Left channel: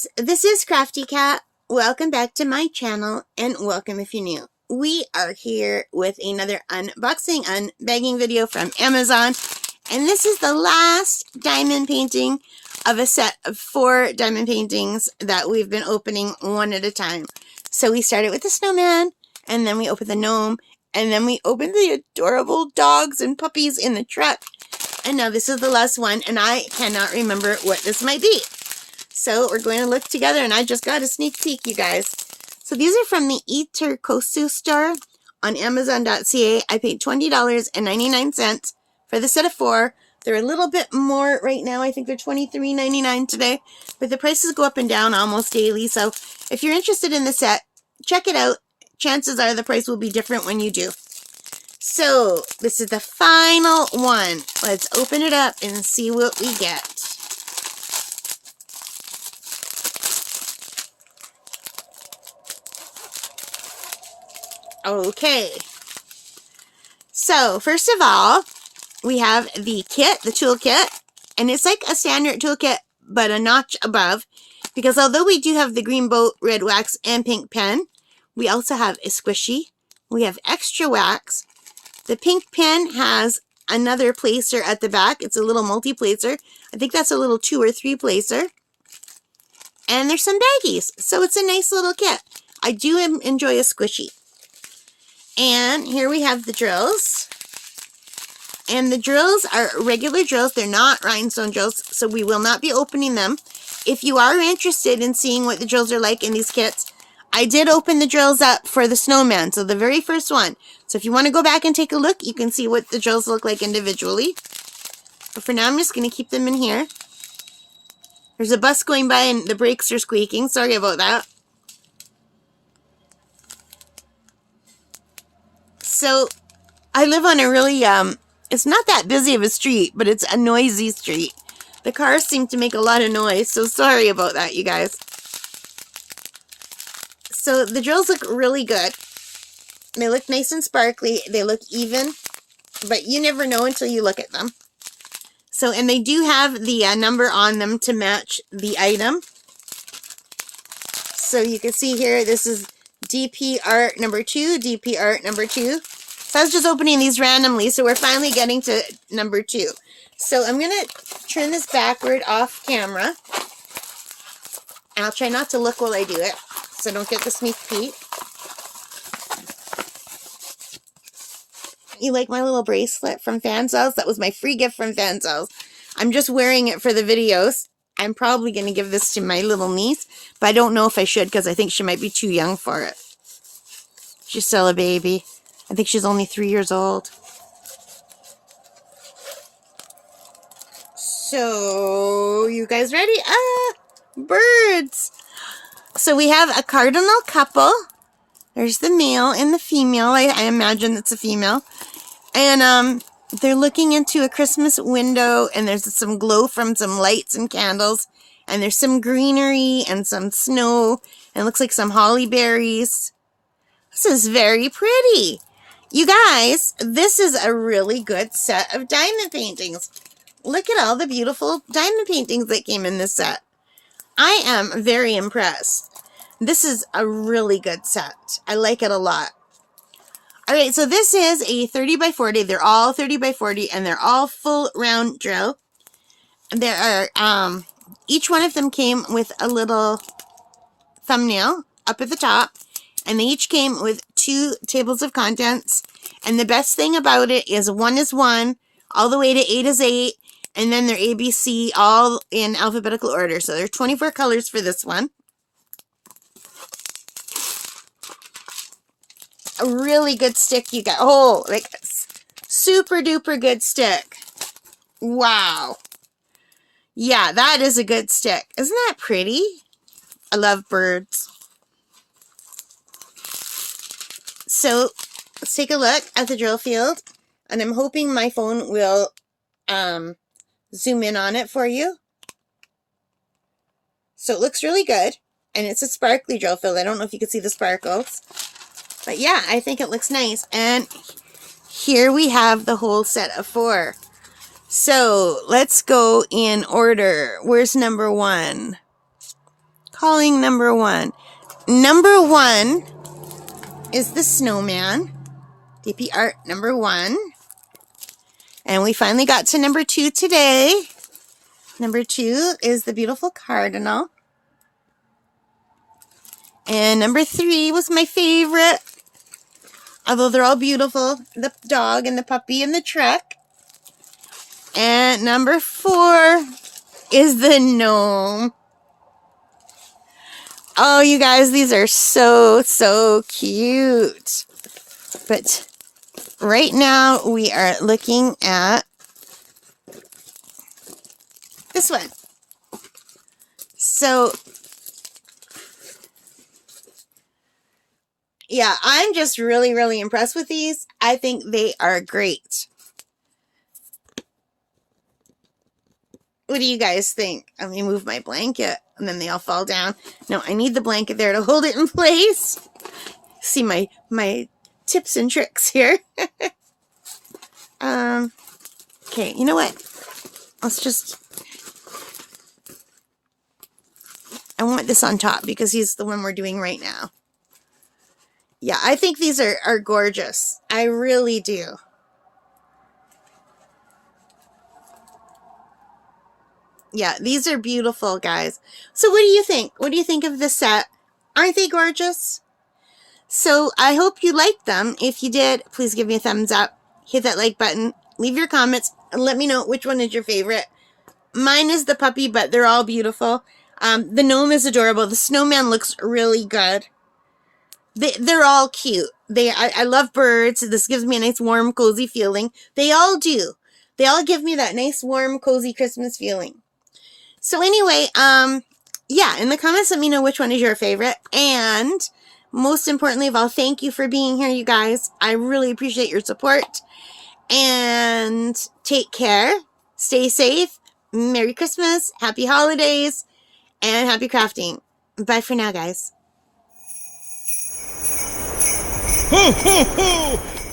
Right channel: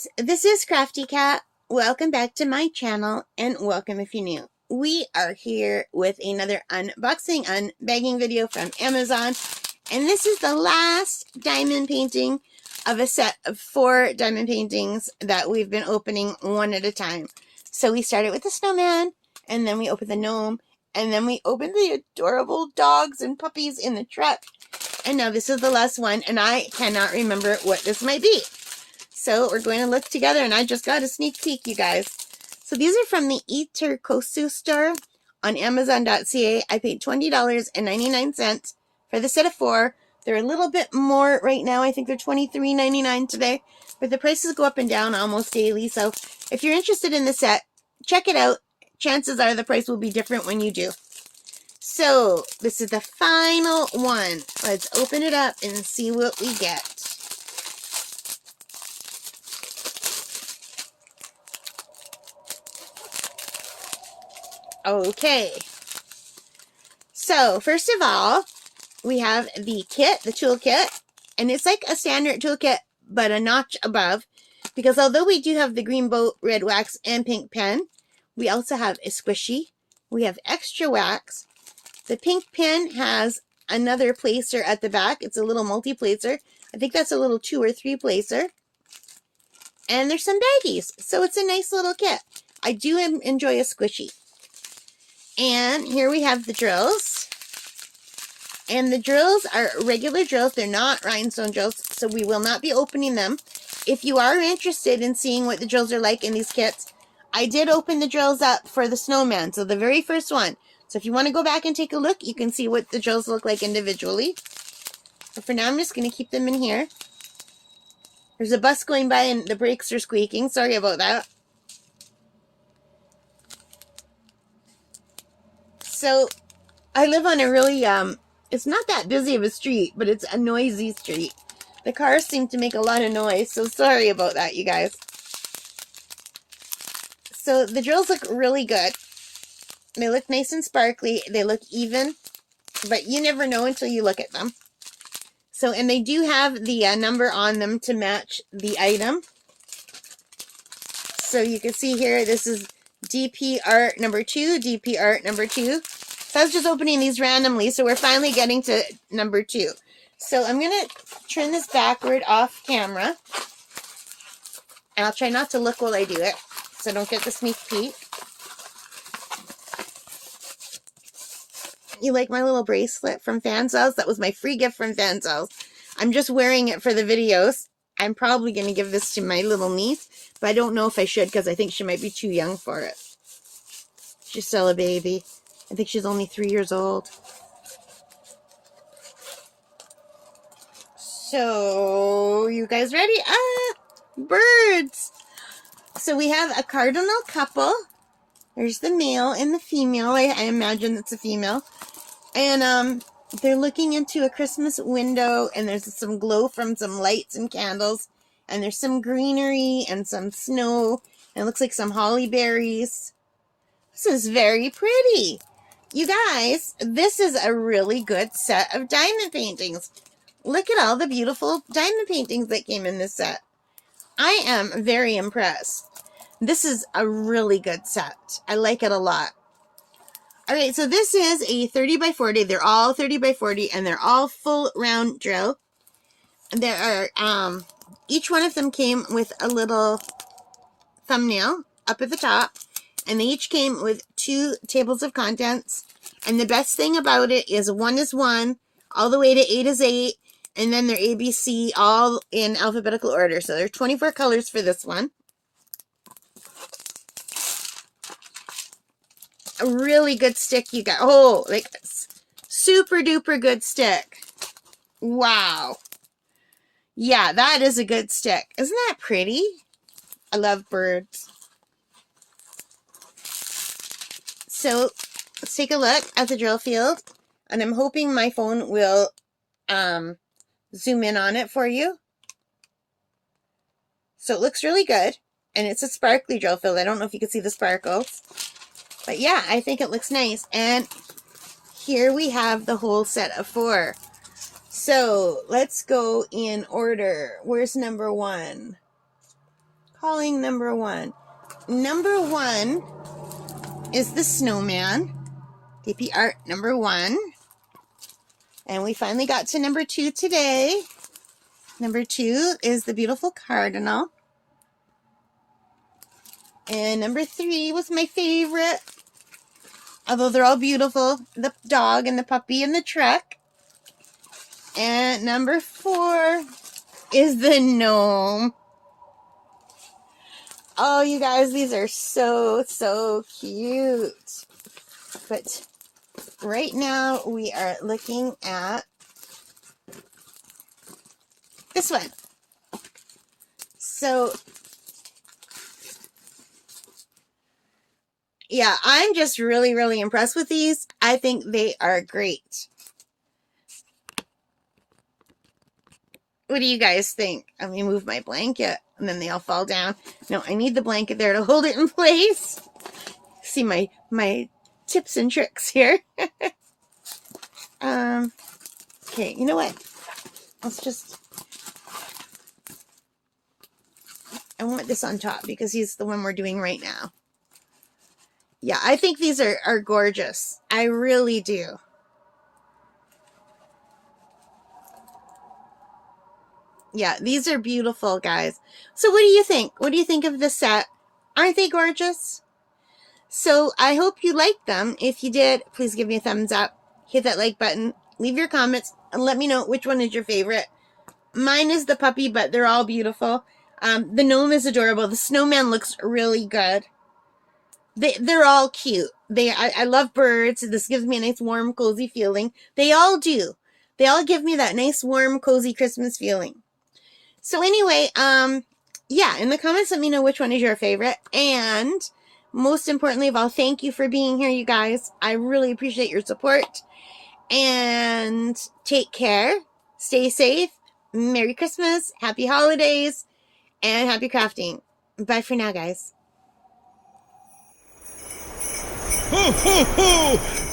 guys, this is Crafty Cat. Welcome back to my channel and welcome if you're new. We are here with another unboxing, unbagging video from Amazon. And this is the last diamond painting of a set of 4 diamond paintings that we've been opening one at a time. So we started with the snowman, and then we opened the gnome, and then we opened the adorable dogs and puppies in the truck. And now this is the last one, and I cannot remember what this might be. So we're going to look together, and I just got a sneak peek, you guys. So these are from the Iterkosu store on Amazon.ca. I paid $20.99 for the set of 4. They're a little bit more right now. I think they're $23.99 today. But the prices go up and down almost daily. So if you're interested in the set, check it out. Chances are the price will be different when you do. So this is the final one. Let's open it up and see what we get. Okay, so first of all, we have the kit, the toolkit, and it's like a standard toolkit, but a notch above, because although we do have the green boat, red wax, and pink pen, we also have a squishy, we have extra wax. The pink pen has another placer at the back. It's a little multi-placer. I think that's a little 2 or 3 placer. And there's some baggies, so it's a nice little kit. I do enjoy a squishy. And here we have the drills. And the drills are regular drills. They're not rhinestone drills, so we will not be opening them. If you are interested in seeing what the drills are like in these kits, I did open the drills up for the snowman, so the very first one. So if you want to go back and take a look, you can see what the drills look like individually. But for now, I'm just going to keep them in here. There's a bus going by and the brakes are squeaking. Sorry about that. So, I live on a really, it's not that busy of a street, but it's a noisy street. The cars seem to make a lot of noise, so sorry about that, you guys. So, the drills look really good. They look nice and sparkly. They look even, but you never know until you look at them. So, and they do have the number on them to match the item. So, you can see here, this is DP art number 2, DP art number 2. So I was just opening these randomly, so we're finally getting to number 2. So I'm going to turn this backward off camera. I'll try not to look while I do it, so don't get the sneak peek. You like my little bracelet from Fansels? That was my free gift from Fansels. I'm just wearing it for the videos. I'm probably going to give this to my little niece, but I don't know if I should because I think she might be too young for it. She's still a baby. I think she's only 3 years old. So, you guys ready? Birds! So we have a cardinal couple. There's the male and the female. I imagine it's a female. And they're looking into a Christmas window, and there's some glow from some lights and candles. And there's some greenery and some snow. And it looks like some holly berries. This is very pretty. You guys, this is a really good set of diamond paintings. Look at all the beautiful diamond paintings that came in this set. I am very impressed. This is a really good set. I like it a lot. All right, so this is a 30 by 40. They're all 30 by 40, and they're all full round drill. There are, each one of them came with a little thumbnail up at the top. And they each came with 2 tables of contents. And the best thing about it is 1 is 1, all the way to 8 is 8. And then they're ABC, all in alphabetical order. So there are 24 colors for this one. A really good stick you got. Oh, like super duper good stick. Wow. Yeah, that is a good stick. Isn't that pretty? I love birds. So, let's take a look at the drill field, and I'm hoping my phone will zoom in on it for you. So it looks really good, and it's a sparkly drill field. I don't know if you can see the sparkles, but yeah, I think it looks nice. And here we have the whole set of 4. So let's go in order. Where's number 1? calling number one? Number one is the snowman. DP art number one. And we finally got to number two today. Number two is the beautiful cardinal. And number three was my favorite. Although they're all beautiful. The dog and the puppy and the truck. And number four is the gnome. Oh, you guys, these are so, so cute. But right now we are looking at this one. So, yeah, I'm just really, really impressed with these. I think they are great. What do you guys think? Let me move my blanket and then they all fall down. No, I need the blanket there to hold it in place. See my tips and tricks here. Okay, you know what? Let's just... I want this on top because he's the one we're doing right now. Yeah, I think these are gorgeous. I really do. Yeah, these are beautiful, guys. So what do you think? What do you think of this set? Aren't they gorgeous? So I hope you liked them. If you did, please give me a thumbs up. Hit that like button. Leave your comments and let me know which one is your favorite. Mine is the puppy, but they're all beautiful. The gnome is adorable. The snowman looks really good. They're all cute. I love birds. This gives me a nice, warm, cozy feeling. They all do. They all give me that nice, warm, cozy Christmas feeling. So anyway, yeah, in the comments, let me know which one is your favorite. And most importantly of all, thank you for being here, you guys. I really appreciate your support. And take care. Stay safe. Merry Christmas. Happy holidays. And happy crafting. Bye for now, guys. Ho, ho, ho!